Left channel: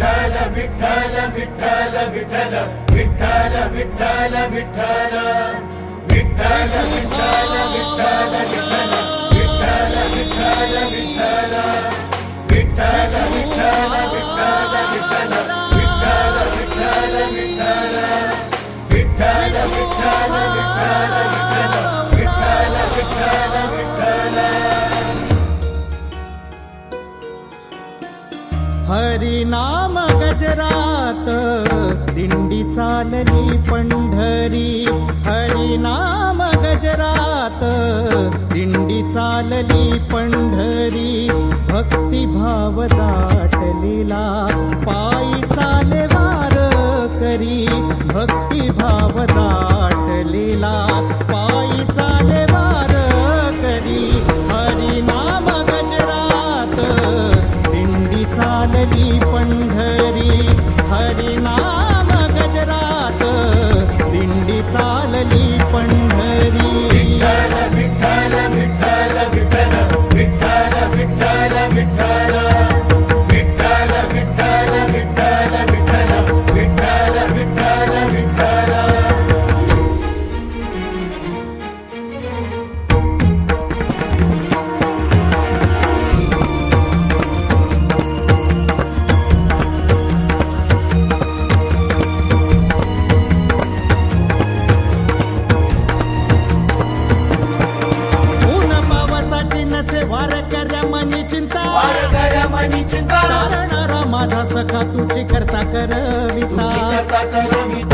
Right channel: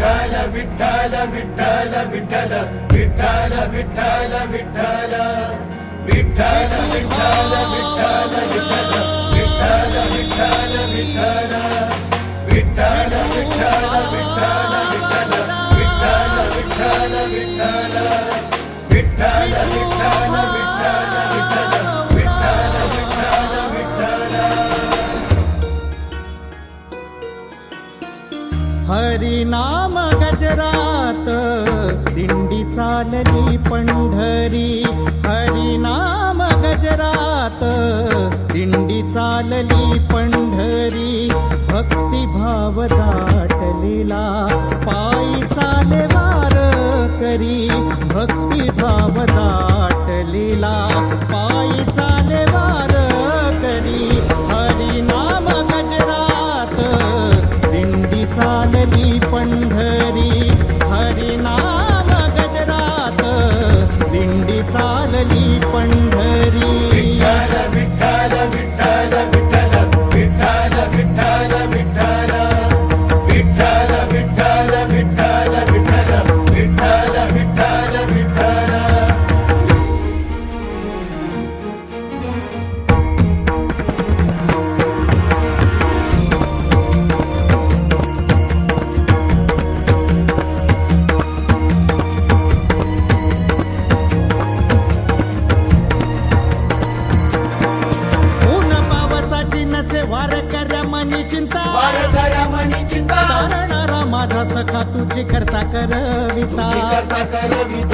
विठ्ठल विठ्ठल विठ्ठल विठ्ठल विठ्ठल विठ्ठल विठ्ठल हरिनाम गजरात दिंडी चालली पंढरी, हरिनाम गजरात दिंडी चालली पंढरी, भक्तिभाव दाटलेला पायी चाले वार करी, भक्तिभाव दाटलेला पायी चाले वार करी, हरिनाम गजरात दिंडी चालली पंढरी, हरिनाम गजरात दिंडी चालली पंढरी। विठ्ठल विठ्ठल विठ्ठल विठ्ठल विठ्ठल विठ्ठल विठ्ठल विठ्ठल विठ्ठल विठ्ठल विठ्ठल विठ्ठल विठ्ठल। नसे वार कर्या मनी चिंता, तारणारा माझा सखा तुझी करता करविता,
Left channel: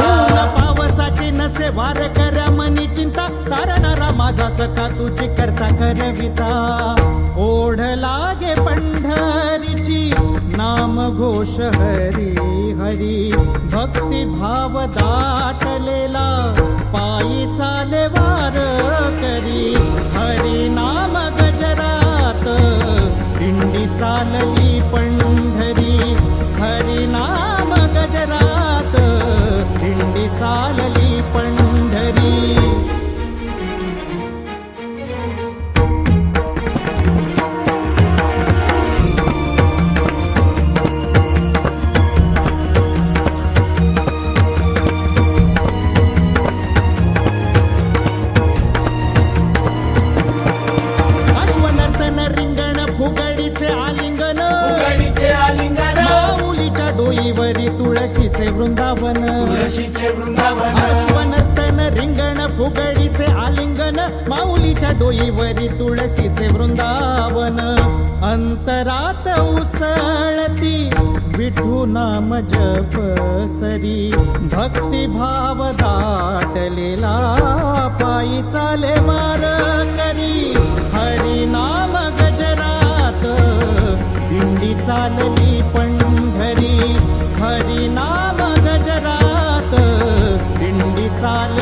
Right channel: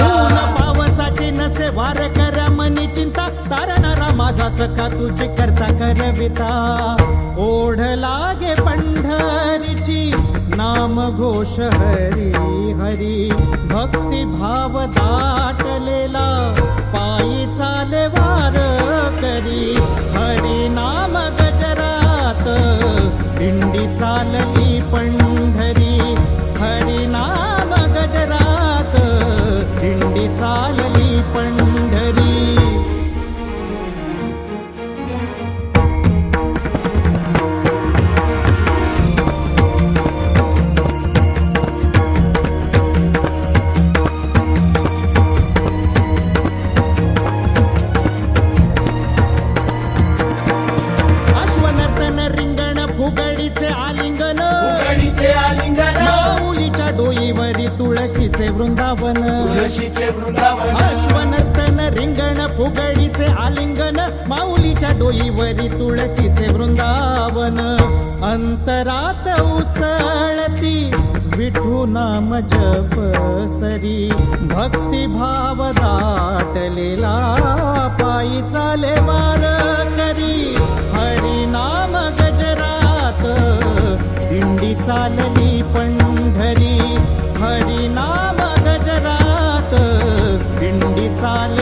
ऊन पावसाची नसे वार कर्या मनी चिंता, तारणारा माझा सखा तुझी करता करविता, ओढ लागे पंढरीची नाम घोष हरी हरी, भक्ती भाव दाटलेला पायी चाले वार करी, हरी नाम गजरात दिंडी चालली पंढरी, हरी नाम गजरात दिंडी चालली पंढरी। रिंगण फुगडीचे आलिंगन, माऊलीच्या डोईवरी तुळशीचे वृंदावन, अश्वनर्तन रिंगण फुगडीचे आलिंगन, माऊलीच्या डोईवरी तुळशीचे वृंदावन, अंतरात उसळती विठू नाम जप सरी, भक्तिभाव दाटलेला पायी चाले वार करी, हरी नाम गजरात दिंडी चालली पंढरी, हरी नाम गजरात दिंडी चाल